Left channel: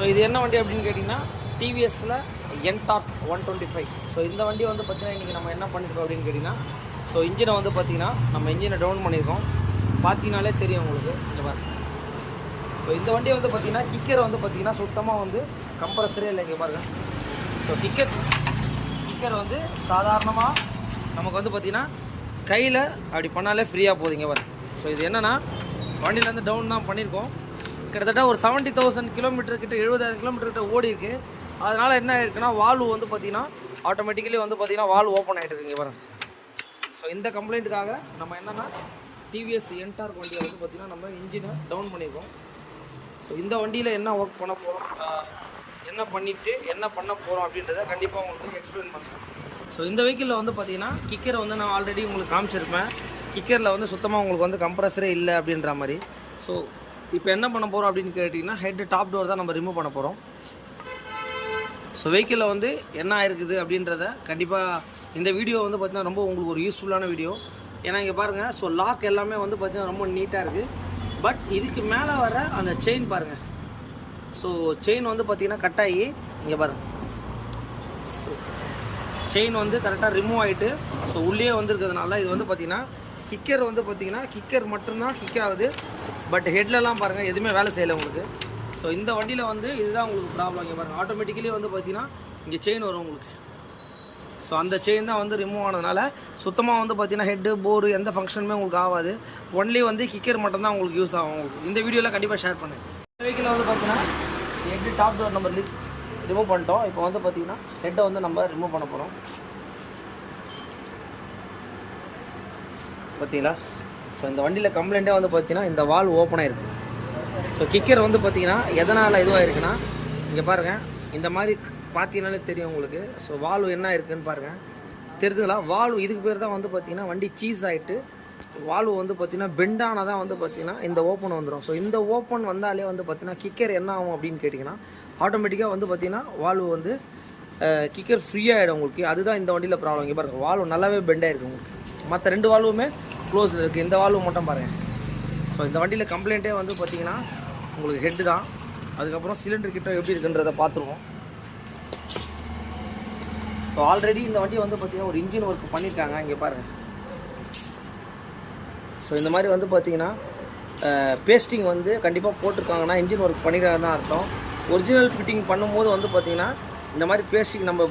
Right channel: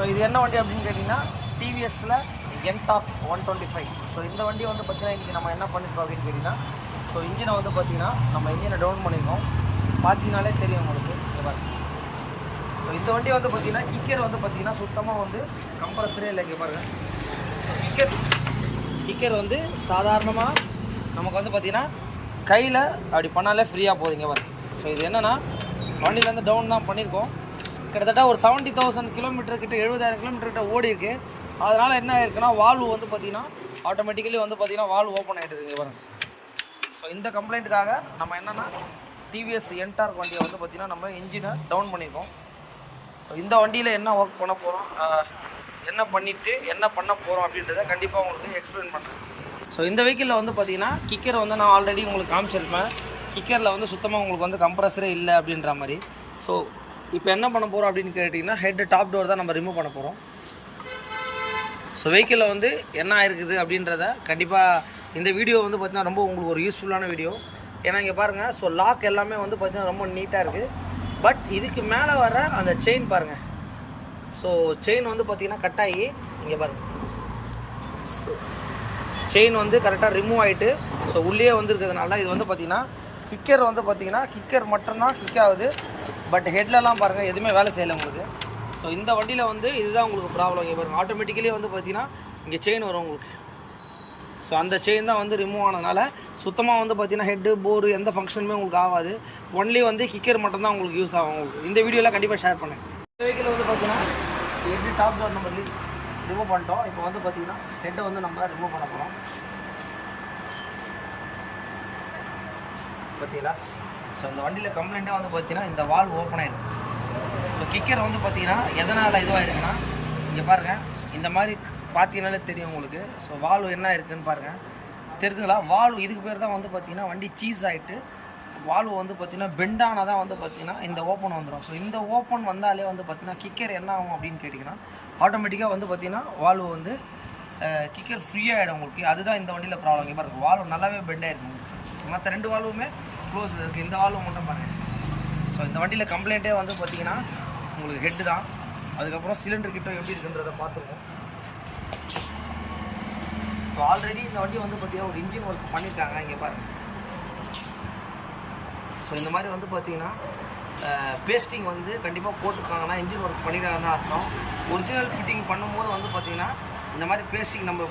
So இது என்ன வண்டி அப்படின்னு கேட்டிங்கன்னா டிவிஎஸில் என்டார்க் 125. ஸோ இந்த வண்டி வந்து பார்த்திங்கன்னா இன்றைக்கி நம்ம என்ன பண்ணியிருக்கோம் அப்படின்னு கேட்டிங்கன்னா, ஸோ இன்ஜினை வந்து பார்த்திங்கன்னா நம்ம இன்ஜினை டவுன் பண்ணியிருக்கோம். பார்த்தீங்கனாலே தெரியும் உங்களுக்கு இங்கே பாருங்க. ஸோ இந்த வண்டி வந்து பார்த்திங்கன்னா கிக்கர் வந்து பார்த்திங்கன்னா சுத்தமாக வந்து கம்ப்ரஸரே இல்லை. இங்கே பாருங்கள். ஸோ கிக்கர் வந்து சாதாரணமாக நமக்கு வந்து பார்த்திங்கன்னா கையில் அப்படி பண்ணாலே ஃப்ரீயாக போகுதுங்க பாருங்க. ஸோ இது என்னென்னா வண்டியிலேருந்து டவுன் தான் பண்ணியிருக்கோம். கிட்டத்தட்ட ஒரு 70,000 கிலோமீட்டர் கிட்ட 70,000 கிலோமீட்டர் கிட்ட ஓடி இருக்குது. அதனால் என்ன ஆயிருக்குன்னா வால்வு வந்து பார்த்திங்கன்னா ஆட்டோமேட்டிக்கலி வந்து பார்த்திங்கன்னா வால்வு ஓப்பன் ஆகிட்டு இருக்குங்க பாருங்க. ஸோ இந்த கம்ப்ளைண்ட்டுக்காக நம்ம என்னென்னா டிவிஎஸ் என்டார்க் வண்டியை வந்து பார்த்திங்கன்னா நம்ம இன்ஜினை டவுன் பண்ணியிருக்கோம். ஸோ இந்த வண்டியில் என்ன ஒர்க் பண்ண போகிறோம், என்ன பண்ணிவிட்டு என்ன பண்ண போகிறோம் அப்படின்றத கண்டிப்பாக உங்களுக்கு எக்ஸ்பிளைன் பண்ணுறேன். ஸோ இந்த வெஹிக்கிளில் வந்து பார்த்திங்கன்னா கிக்கரை வந்து நான் ஆல்ரெடி உங்களுக்கு காமிச்சிருப்பேன். கிக்கரில் வந்து சுத்தமாக உங்களுக்கு வந்து கம்ப்ரஸரே இல்லை அப்படின்ற மாதிரி. ஸோ இப்போ என்ன பண்ண போகிறோம் அப்படின்னு கேட்டிங்கன்னா ஹெட் டாப் டோர் தான் நம்ம ரிமூவ் பண்ண போகிறோம். ஸோ வெஹிக்கிளில் வந்து என்ன ஆயிருக்குது அப்படின்றத கண்டிப்பாக இந்த வீடியோ வந்து பார்த்திங்கன்னா ரொம்ப உங்களுக்கு ஒரு யூஸ்ஃபுல்லான வீடியோ. ஏன்னா இங்கே பாருங்கள். ஸோ லாக் எல்லாமே வந்து பார்த்திங்கன்னா ரொம்ப நீட்டாக இருக்குது. பட் இதுக்கு மேலே வர அந்த செயின் பாருங்கள். ஸோ செயின் வந்து பார்த்திங்கன்னா கட் ஆகி இங்கே பாருங்கள். ஸோ செயின் வந்து கரெக்டாக ரிமூவ் ஆகிட்டு ஸோ உள்ளே வந்துருக்கிறதுனால இது வந்து பார்த்திங்கன்னா கிக்கர் வந்து பார்த்திங்கன்னா கிக்கர் மட்டும்தான் கிக் ஆகுது. பட் ஹெட்லலாம் பாருங்கள் எதுவுமே வேலை செய்யலை உங்களுக்கு. ஸோ இந்த வண்டியில் வந்து இதுதான் உங்களுக்கு ப்ராப்ளம். இங்கே பாருங்கள். ஆட்டோமேட்டிக்கலி வந்து பார்த்திங்கன்னா இங்கே செயின் வரும் உங்களுக்கு. ஸோ அந்த செயின் தான் வந்து ரிமூவ் ஆனதுனால சுத்தமாக வந்து பார்த்திங்கன்னா ஹெட்டு போர்டு எந்த ஃபங்க்ஷனுமே உங்களுக்கு ஆகாது. ஒன்லி வந்து கிக்கர் மட்டும்தான் உங்களுக்கு யூஸ் ஆகும். உங்களுக்கு இந்த வீடியோவில் கண்டிப்பாக ஷேர் பண்ணேன். இந்த வெஹிக்கிள் வந்து பார்த்திங்கன்னா எப்படி டாப் டோர் நம்ம ரிமூவ் பண்ணிட்டோம். இப்போ வந்து பார்த்திங்கன்னா ஹெட்டை வந்து நம்ம ரிமூவ் பண்ண போகிறோம். பார்த்தீங்களா? ஸோ இந்த வண்டியில் கம்ப்ளைண்ட்டே வந்து பார்த்திங்கன்னா இந்த வால்வு ஓப்பன் ஆகிருக்கு. ஸோ கிக்கர் வந்து பார்த்திங்கன்னா எதனால் இதுவாக இருக்குன்னா இங்கே பாருங்கள். இந்த மாதிரி பார்த்தீங்கனாலே தெரியும் உங்களுக்கு. ஸோ வால்வு என்ன இருக்குதுன்னு பாருங்கள். தெரிஞ்சுங்களா? வால்வு இதுக்கு பேர் தான் வந்து பார்த்திங்கன்னா வண்டி சீஸ் ஆகிட்டு வால்வு வந்து பார்த்திங்கன்னா பெண்டானால் தான் வந்து பார்த்திங்கன்னா இந்த ஓப்பன் வந்துடும். ஸோ இந்த ஓப்பன் வந்தாலே வந்து பார்த்திங்கன்னா கிக்கர் என்ன ஆகும் அப்படின்னு கேட்டிங்கன்னா ஆட்டோமேட்டிக்காக வந்து பார்த்திங்கன்னா வால்வு வந்து கிக்கர் ஃப்ரீயாகிடும் உங்களுக்கு. அதுதான் இந்த வண்டியில் ப்ராப்ளம். இங்கே பாருங்கள். வால்வு நல்லாவே பெண்டாக இருக்குது உங்களுக்கு. மற்ற ரெண்டு வால்வுமே க்ளோஸ் இருக்குது. இந்த வால்வு மட்டும் பாருங்கள். ஸோ இந்த வண்டியில் கம்ப்ளைண்ட்டே வந்து பார்த்திங்கன்னா உங்களுக்கு ஹெட்டு தான். அதுக்கப்புறம் சிலிண்டர் கிட்ட எப்படி இருக்குன்றதை பார்த்துருவோம். ஸோ ஆல்ரெடி இந்த வண்டியை வந்து பார்த்திங்கன்னா ஒரு இன்ஜின் ஒர்க் பண்ணியிருக்காங்க. இங்கே பாருங்கள். ஸோ இந்த மாதிரி வந்து பார்த்திங்கன்னா பேஸ்டிங் வந்து கண்டிப்பாக போட்டிருக்காங்கன்னா இன்ஜின் ஒர்க் பண்ணியிருக்காங்க தான் அர்த்தம். ஒரிஜினல் ஃபிட்டிங் பண்ணும்போது வந்து பார்த்திங்கன்னா இந்த மாதிரி பேஸ்டிங் நம்ம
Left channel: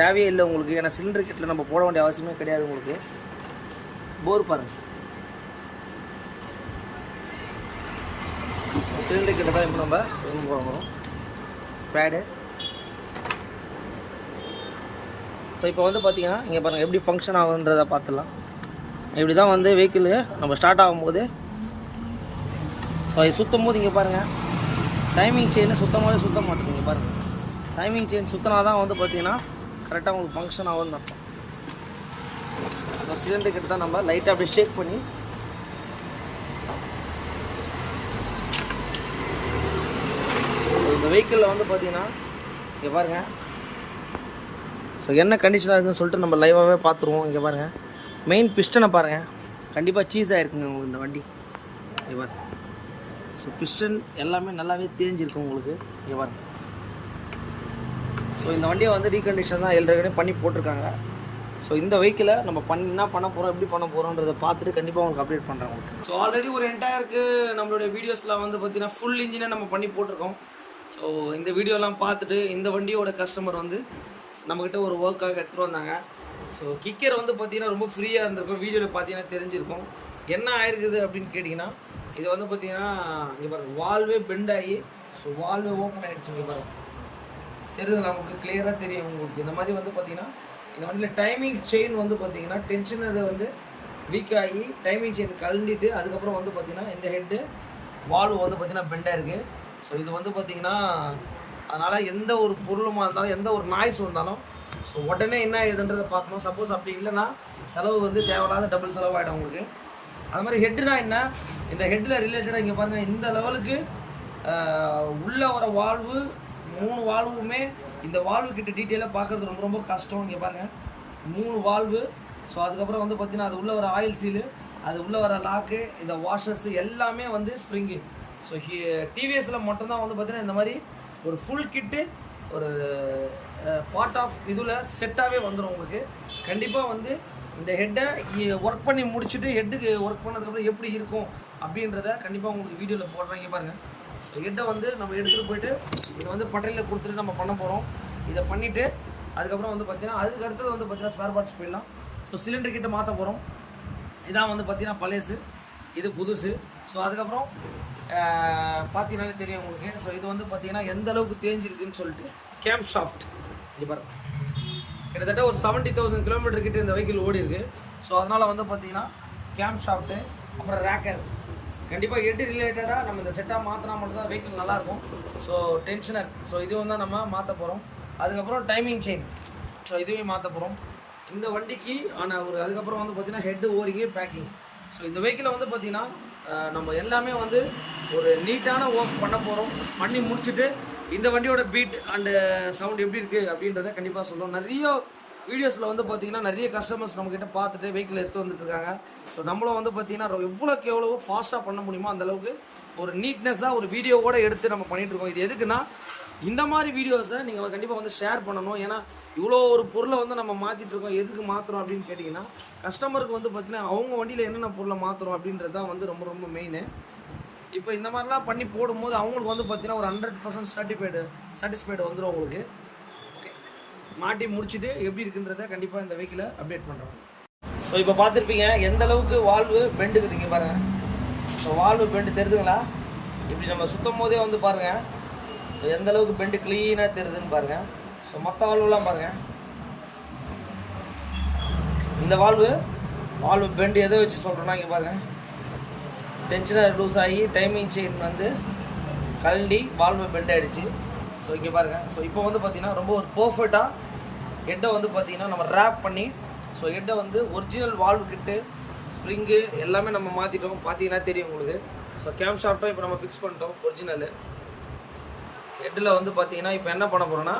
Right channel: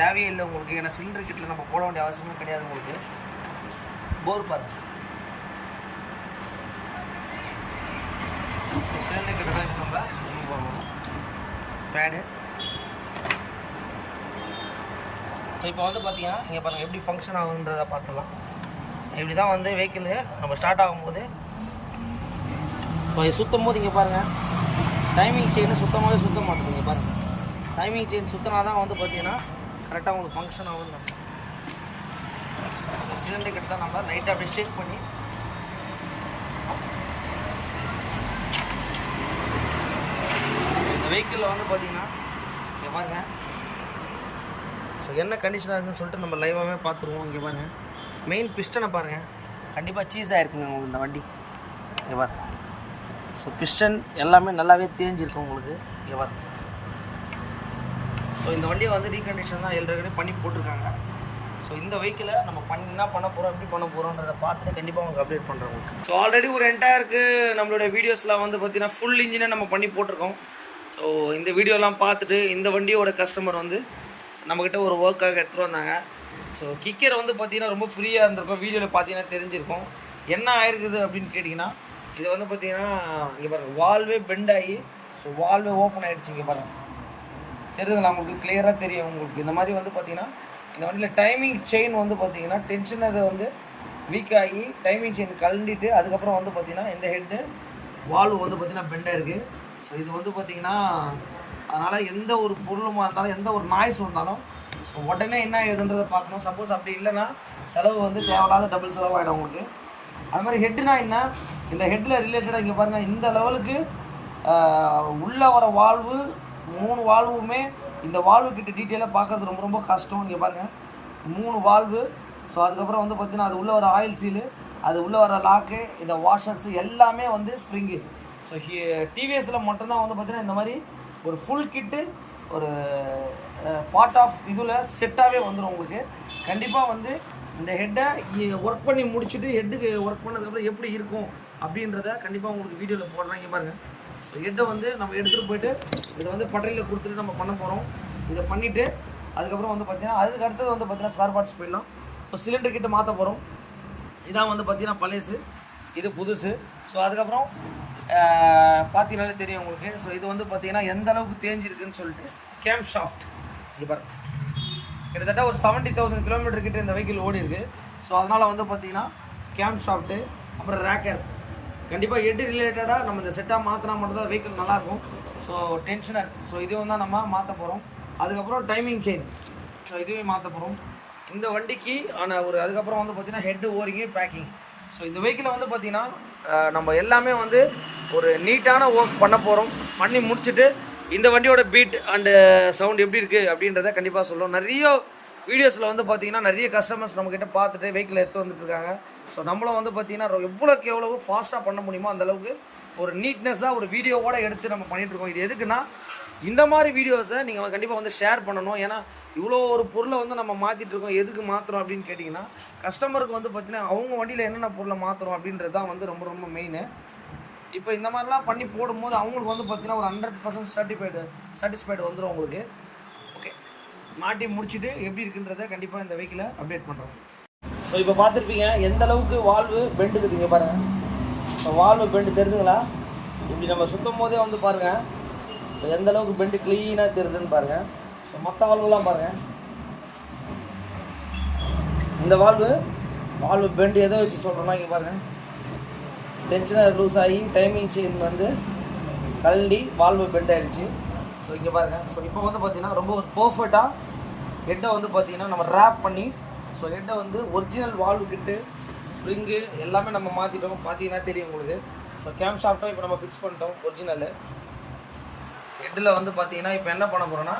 தேவையே இல்லை உங்களுக்கு. ஏன்னா சிலிண்டர் கிட்டில் நம்ம போட வேண்டிய அவசியமே கிடையாது உங்களுக்கு. போர் பாருங்கள். சிலிண்டர் கிட்ட தான் இப்போ நம்ம போகிறோம் பேடு. ஸோ இப்போ வந்து பார்த்திங்கன்னா இங்கே பாருங்கள் எப்படி ஃபங்க்ஷன் ஆகுன்றதை பார்த்துடலாம். இப்படி தான் வந்து வெஹிக்கிள் நம்ம ஸ்டார்ட் ஆகும்போது ஸோ அது சுற்றும் போது இங்கே பாருங்கள் டைமிங் செயினை சுத்தமாகவே சுத்த மாட்டேங்குது. இங்கே பாருங்கள். டைமிங் செயின் சுற்றினா தான் வந்து பார்த்திங்கன்னா கரெக்டாக உங்களுக்கு ஃபங்க்ஷன் ஆகும்னு அர்த்தம். ஸோ சிலிண்டர் கிட்ட தான் நம்ம லைட்டாக அப்படி ஷேக் பண்ணி இந்த வெஹிக்கிளில் வந்து பார்த்திங்கன்னா இங்கே பாருங்கள். ஸோ என்ன கண்டிஷனாக இருக்குதுன்னு சொல்லிட்டு நம்ம லைவாகவே பார்த்துருவோம். இங்கே பாருங்கள். மெயின் பிஸ்டனை பாருங்கள். கண்டிப்பாக சீஸ் ஆகிருக்குங்க உங்களுக்கு இந்த வண்டி. இங்கே பாருங்கள். ஸோ பிஸ்டன் எல்லாமே நல்லாவே தேஞ்சிருக்கும் உங்களுக்கு. இங்கே பாருங்கள். ஸோ இந்த வண்டியை வந்து ரீகண்டிஷன் தான் எல்லாருமே பண்ணி போட்டிருக்காங்க. ஸோ இந்த வெஹிக்கிளை நம்ம என்ன பண்ண போகிறோம் எப்படி பண்ண போகிறோன்றதை பார்த்துட்டு கண்டிப்பாக உங்களுக்கு அப்டேட் பண்ணுறோம் உங்களுக்கு. ஸோ ஆல்ரெடி ஒரு என்டையருக்கு நம்மளுடைய வீடியோஸில் வந்து பார்த்திங்கன்னா ஃபுல் இன்ஜினை நம்ம பண்ணி போட்டிருக்கோம். ஸோ இந்த வீடியோலாம் பார்த்துட்டு இந்த வண்டியோட கஸ்டமர் வந்து நம்மக்கிட்ட ஒரு ஒர்க்காக எடுத்துகிட்டு வந்தாங்க. ஸோ கிக்கர் வந்து பார்த்திங்கன்னா ரொம்ப ஃப்ரீயாக இருந்திருக்கும். வீடியோவில் பார்த்தீங்கன்னா தெரிஞ்சிருக்கும். என்ன ஆயிருக்குது அப்படின்னு கேட்டிங்கன்னா இது வந்து பார்த்திங்கன்னா இங்கே பாருங்கள் வால்வே பெண்ட் ஆகி ஸோ வால்வே ஓப்பன் ஆகிடுச்சு. இங்கே பாருங்கள். தெரியுதுங்களா உங்களுக்கு? கிளியராக தெரியும் உங்களுக்கு. இந்த மாதிரி வந்து பார்த்திங்கன்னா இந்த வண்டியில் டைமிங் செயின் வந்து பார்த்திங்கன்னா டென்ஷனரை வந்து வீக் ஆகி டைமிங் செயின் கழண்டிட்டு அதுக்கப்புறம் வந்து பார்த்திங்கன்னா இந்த ஹெட்டு வால்வு வந்து பார்த்திங்கன்னா பெண்டாக இருக்குது. ஸோ இது வந்து பார்த்திங்கன்னா அதனால் எந்த ஒரு பொருளுமாக இருந்தாலும் எந்த ஒரு நாய்ஸ் வந்தாலும் ஸோ உடனே என்ன ஏதுன்றதை பார்க்கணும். சப்போஸ் அப்படி இல்லைன்னா செலவு வந்து தேவையில்லாத டபுள் செலவாகிடும் உங்களுக்கு. அது மாதிரி ஹெட்டுனா என்ன, இந்த ஹெட்டில் ரிலேட்டடாக இங்கே பாருங்கள். இந்த லெவலுக்கு உள்ளே வர வால்வு 3 வால்வுமே இந்த வால்வு கிட்ட டீட்டெயிலாக பார்க்குறது ரொம்ப ரொம்ப கஷ்டம். இங்கே பாருங்கள் 3 வால்வு. ஸோ அதுக்கப்புறம் வந்து பார்த்திங்கன்னா அது உள்ளே வர ஆயில் சீலு, அது உள்ளே வர லாக்கு, இந்த வாஷர்ஸு எல்லாமே வந்து ஸ்ப்ரிங்கு. ஸோ டிவிஎஸில் மட்டும்தான் வந்து பார்த்திங்கன்னா இந்த மாதிரி ஒரு ஃபுல் கிட்டு ஒரு பார்ட் ஆஃப் இதில் செட்டாகவே வந்துடும் உங்களுக்கு. கண்டிப்பாக வந்து இந்த ஹெட்டை ஒர்க் பண்ணி முடிச்சுட்டு ஹெட்டுக்கு ஒர்க் பண்ணதுக்கப்புறம் எப்படி இருக்கும் அப்படின்றத கண்டிப்பாக உங்களுக்கு வீடியோவில் போடுறாங்க பாருங்கள். ஸோ ஹெட்டை வந்து நம்ம எடுத்துகிட்டு போயிட்டு இதை வந்து பட்டறையில் கொடுத்துட்டு நம்ம பண்ண போகிறோம். இதை பண்ணிவிட்டு அதுக்கப்புறம் வந்து பார்த்திங்கன்னா அதுக்கு அடுத்தது வந்து பார்த்திங்கன்னா ஸ்பேர் பார்ட்ஸ் போயிடலாம். ஸோ சிலிண்டர் கிட்ட மாற்ற போகிறோம். இதான் வந்து பார்த்திங்கன்னா பழசு, இது புதுசு. ஸோ அதுக்கப்புறம் பார்த்தீங்கன்னாலே தெரியும் உங்களுக்கு. ஸோ இது வந்து பார்த்திங்கன்னா எந்த அளவுக்கு தேஞ்சிருக்குன்னு சொல்லிட்டு கேம் ஷாஃப்ட் இங்கே பாருங்க, கிட்டத்தட்ட ஒரு 70,000 கிலோமீட்டர் கிட்ட இந்த வெஹிக்கிள் ஓடி இருக்குது. ஸோ அதனால் வந்து பார்த்திங்கன்னா கேம் ஷாஃப்ட்டு, அப்புறம் ரேக்கர், கண்டிப்பாக ஹெட் ரிலேட்டடாக நம்ம இந்த செட்டாக மாற்றினா மட்டும்தான் வெஹிக்கிள் நல்லாயிருக்கும். ஸோ டென்ஷனர், ஸோ இதுவும் தான் நம்ம மாற்ற போகிறோம். அதுக்கப்புறம் டைமிங் செயின், ஸோ இதுவே மாற்ற போகிறோம் இந்த வண்டிக்கு. ஆனால் ஒரு அதுக்கப்புறம் வந்து பார்த்திங்கன்னா ஹெட்டு ஓரிங்கு பேக்கிங். ஸோ இந்த வெஹிக்கிளை வந்து பார்த்திங்கன்னா நம்ம எல்லாமே வந்து ஒரு நீட்டான ஒர்க் பண்ண போகிறோம். பண்ணி முடிச்சுட்டு இந்த வண்டியோட பீட் அண்டு சவுண்ட் எப்படி இருக்குது அப்படின்றத கண்டிப்பாக சொல்லுவோம். நிறைய வீடியோஸில் வந்து பார்த்திங்கன்னா நிறைய கஸ்டமர்ஸ் நம்மக்கிட்ட பார்த்துட்டு வெஹிக்கிள் எடுத்து வந்துட்டுருக்காங்க. ஸோ நம்மளும் வந்து பார்த்திங்கன்னா எவ்வளோக்கு எவ்வளோ ஃபாஸ்ட்டாக பண்ண முடியுமோ அந்தளவுக்கு ஒரு நீட்னஸாக ஒரு வீடியோவோட எடுத்து நம்ம பண்ணிகிட்ருக்கோம். இது எதுக்குன்னா இந்த மாதிரி வீடியோஸை நீங்கள் கண்டிப்பாக வந்து ஷேர் பண்ணணும். ஏன்னா இவ்வளோ ஒரு பொருளை வந்து நம்ம மாற்றிட்டு இருக்கோம், எதுக்கு மாற்றுறோம் அப்படின்னு கேட்டிங்கன்னா கஸ்டமருக்கு வந்து பார்த்திங்கன்னா அவங்க வண்டியில் என்னென்ன பொருளை மாற்றுறோம் அப்படின்றது தான் வந்து ரொம்ப ரொம்ப மெயின். இப்போ இந்த மாதிரிலாம் பண்ணி போடும்போது அவங்களுக்கு வந்து பார்த்திங்கன்னா ஒரு 100% சாட்டிஸ்ஃபைடு வந்துடும் உங்களுக்கு. ஓகே, மாட்டி முடிச்சுட்டு எப்படி இருக்குன்றதை கண்டிப்பாக இந்த வெஹிக்கிளை அப்டேட் பண்ணுறோம். ஸோ இப்போ பார்த்துருப்பீங்க எந்த அளவுக்கு வால்வு பெண்டுக்குதுங்க பாருங்கள். ஸோ வால்வு பெண்டு தெரியுதுங்களா? இப்படி நம்ம சுத்தம் போதே வந்து பாருங்கள். ஸோ எந்த அளவுக்கு பெண்டு க்ளீனாக தெரியுதுன்னு பாருங்கள். ஸோ மற்ற வால்வுலாம் பாருங்கள். இந்த வால்வு பெண்டு எதை வச்சு சொல்கிறோன்னா இங்கே பாருங்கள், டென்ஷனர் லூஸ் ஆகி டைமிங் செயின் வந்து கழண்டி வால்வு பெண்ட் ஆகிடுச்சு. ஸோ இங்கே பாருங்கள். ஸோ இப்போ வந்து பார்த்திங்கன்னா ரொம்ப ஒரு பர்ஃபெக்டாக ஹெட்டை வந்து பார்த்திங்கன்னா நம்ம ரேப் பண்ணி, ஸோ ஹெட்டை வந்து ஒரிஜினல் வால்வு கிட்டு ஸ்ப்ரிங்கு எல்லாமே நம்ம மாற்றிட்டோம். பார்த்தீங்கன்னா தெரியும் உங்களுக்கு. ஸோ கேம் ஷாஃப்ட்டும் இப்போ நம்ம ஃபிக்ஸ் பண்ணிட்டோம் ஒரிஜினலு. ஹெட்டில் வந்து பார்த்திங்கன்னா இப்போ என்ன பண்ண போகிறோன்னா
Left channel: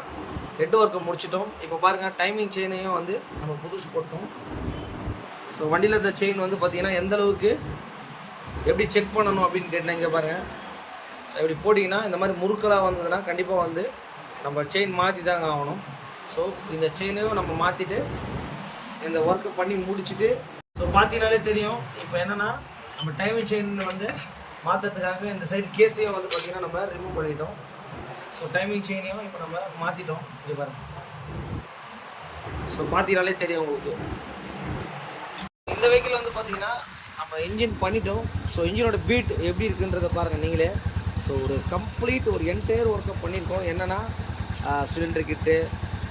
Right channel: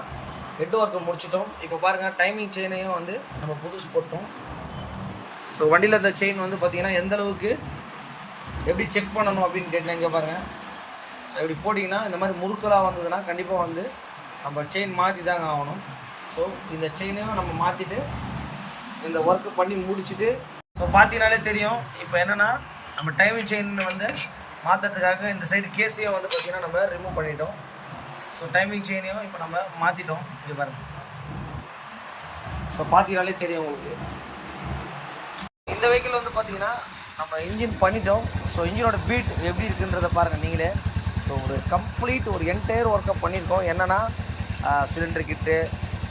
ஹெட் ஒர்க்கை முடிச்சிட்டோம். இப்போ பாருங்கள் டைமிங் செயினையும் வந்து நம்ம புதுசு போட்டோம். ஸோ வண்டியில் இந்த செயின் வந்து பார்த்திங்கன்னா எந்த அளவுக்கு எப்படி செக் பண்ணணும் அப்படின்னு கேட்டால் இங்கே பாருங்கள். ஸோ இப்படி போட்டிங்கன்னா இந்த மாதிரி முறுக்கலாக வந்ததுன்னா கண்டிப்பாக வந்து நம்ம செயின் மாற்றி தாங்க ஆகணும். ஸோ இந்த செயினையும் நம்ம மாற்றிட்டு இந்த ஒர்க்கு பண்ணி முடிச்சுட்டு, ஸோ பார்த்தீங்கனாலே தெரியும் இப்போ என்னென்னா நம்ம டைமிங் செயின் வந்து மாற்றுறதுக்காக இந்த சைடு கேஸையும் வந்து பார்த்திங்கன்னா நம்ம ரிமூவ் பண்ணிட்டோம். ஸோ டைமிங் செயினையும் இப்போ நம்ம மாற்றிட்டோம். இது பாருங்கள். ஸோ பார்த்தீங்கனாலே தெரியும் உங்களுக்கு. இந்த வெஹிக்கிள் வந்து பார்த்திங்கன்னா நம்ம இன்ஜின் பண்ணிட்டோம். ஸோ இன்ஜினோட பீட் எப்படி இருக்குன்றதை பாருங்கள் நீங்களே. ஸோ ஒரு கம்ப்ளீட் ஒரு என்டையர் ஒர்க்கை பண்ணியிருக்கோம். என்னென்னா சிலிண்டர் கிட்டு,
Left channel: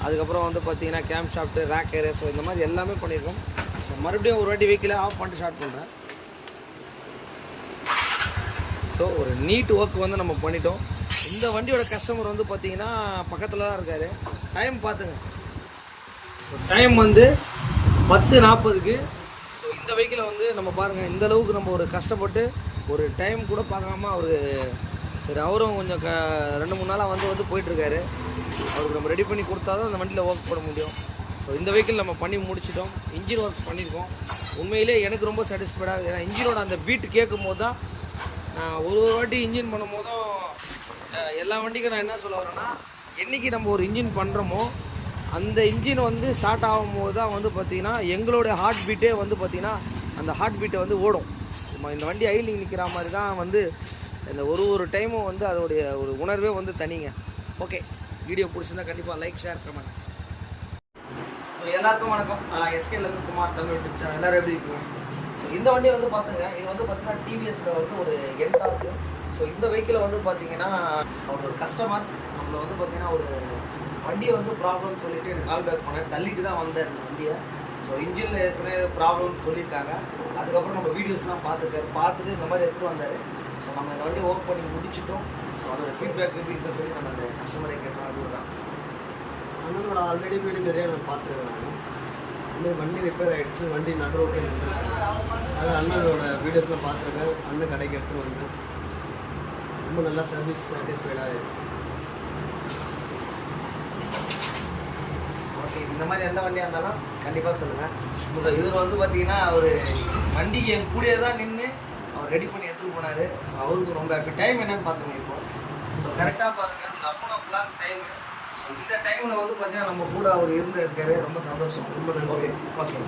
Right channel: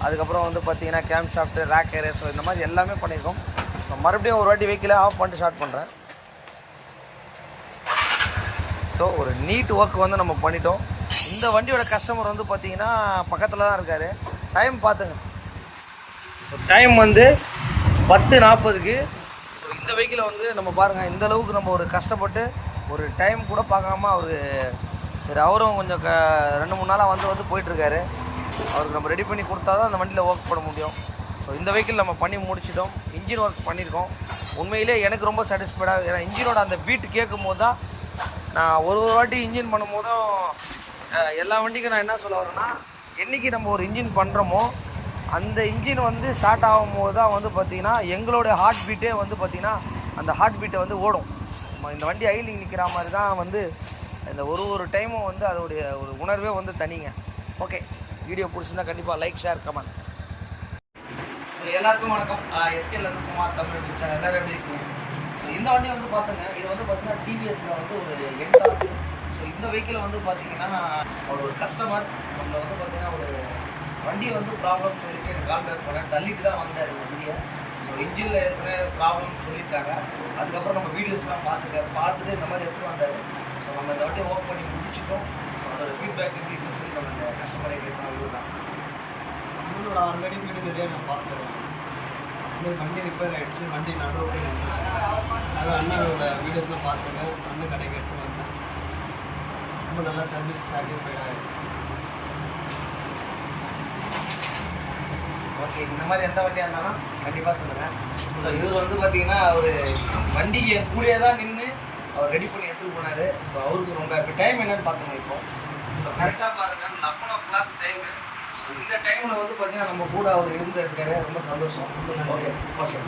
அதுக்கப்புறம் வந்து பார்த்திங்கன்னா கேம் ஷாஃப்ட்டு, ரேக்கரு, ஸோ இந்த மாதிரி எல்லாமே பண்ணியிருக்கோம். ஸோ மறுபடியும் ஒரு வாட்டி வெஹிக்கிளை ஆஃப் பண்ணிட்டு ஸ்டார்ட் பண்ணுறேன். ஸோ ஒரு நீட் ஒர்க் வந்து நம்ம பண்ணிட்டோம். இந்த வண்டியோட கஸ்டமர் வந்து பார்த்திங்கன்னா பக்கத்தில் தான் இருக்கார். டைம் பார்த்துங்க. ஸோ டைம் வந்து 10:40க்கு. ஸோ இந்த வெஹிக்கிளை வந்து நம்ம பாருங்கள் இந்த அளவுக்கு நம்ம ஒரு கஷ்டப்பட்டு ஒரு டைம் கூட பார்க்காம அவர் சரி அவரும் கொஞ்சம் 2-3 நாளாக வந்து போயிட்டுருக்காரு. அவருக்கு நம்ம ரெடி பண்ணி கொடுத்தா தான் அந்த வண்டியில் ஒர்க் பண்ண முடியும். ஸோ இந்த வெஹிக்கிள் நம்ம பண்ணி முடிச்சிட்டோம். இன்ஜின் ஒர்க் பண்ணியிருக்கோம். உண்மையிலே எனக்கு ரொம்ப சாட்டிஸ்ஃபைடாக. ஏன்னா இன்ஜினோட அந்த பீட் கேட்கும் போது தான் நான் ஒரு வாட்டி இன்ஜின் பண்ணும் போதும் எல்லா வண்டிக்கும் நான் என்ன சொல்ல வரேன்னா, என்றைக்கு நம்ம ஒரு இன்ஜின் பண்ணுறோமோ அந்த இன்ஜின் வந்து ஸ்டார்ட் ஆகும்போது தான் வந்து பார்த்திங்கன்னா எங்களோட ஹார்ட் பீட்டே வந்து பார்த்திங்கன்னா அந்த ஹார்ட் பீட்டை வந்து ஓடும். இந்த வண்டி ஐலிங் நிற்கிற மாதிரி தான் வந்து இந்த ஒரு டைமும் வந்து அதோடைய ஒரு உணர்வே வந்து தனிங்க. ஓகே, வீடியோ பிடிச்சிருந்தா கண்டிப்பாக லைக், ஷேர், கமெண்ட். ஸோ எல்லாருக்கும் வணக்கம். எஸ்கேலேருந்து குமார் தமிழ் யூடியூப் சேனல். எல்லோரும் எப்படி இருக்கீங்க? இந்த வண்டியை வந்து பார்த்துங்க, இது வந்து பார்த்திங்கன்னா டிவிஎஸில் வந்து ஒரு என்டார்க்கு. ஸோ இந்த வெஹிக்கிளை வந்து பார்த்திங்கன்னா ஒரு கஸ்டமர் நம்மளை வந்து பார்த்திங்கன்னா ஒரு வண்டியை வந்து ப்ராப்ளம் சொல்லிவிட்டு எனக்கு கால் பேக் பண்ணேன். தள்ளிட்டு தான் வந்தார் இந்த வண்டியை. ஸோ இன்ஜினில் ஏற்கனவே ப்ராப்ளம் சொல்லியிருக்காங்க. அதுக்கப்புறம் நம்ம வீடியோஸ்லாம் பார்த்துட்டு இந்த மாதிரி எடுத்துகிட்டு வந்தார். ஸோ நம்ம இந்த வண்டியை ஒர்க் பண்ணி முடிச்சிட்டோம். ஸோ அதோட ஃபீட்பேக் எப்படி இருக்குன்னு சொல்லி நம்ம அந்த கஸ்டமரை கேட்கணும். அதுதான் இன்னொரு ஆல்ரெடி வீடு நிறையா நான் பார்த்துருக்கேன். இன்னொரு வண்டி ரிப்பேர் ஆகிடுச்சு, வண்டி நடுரோட்டே நடந்துச்சு. அதான் அண்ணனோட வீடியோஸ்லாம் பார்த்துருக்கேன். அண்ணன் கடைக்கு எடுத்துகிட்டு வந்தேன். ரொம்ப நல்லா சர்வீஸ் சாட்டிஸ்ஃபைடாக ஆகிடுச்சு. ஓகே, இந்த மாதிரி எந்த வண்டியாக இருந்தாலும் கண்டிப்பாக சொல்லுங்கள். ஸோ இவர் வந்து பார்த்தீங்கன்னா அவர் வண்டி என் கூடயே தான் நின்று அவர் ரெடி பண்ணி எடுத்துகிட்டு போனார். ஸோ அவருக்கு ரொம்ப டைம் என்னன்னு பார்த்துங்க இப்போ. ஸோ கரெக்டாக பாருங்கள் 11 டைமு. ஸோ இந்த டைமில் வந்து பார்த்தீங்கன்னா நம்ம கூட அவர் இருக்காரு. ரொம்ப சந்தோஷம். ரொம்ப நன்றி. ஓகே.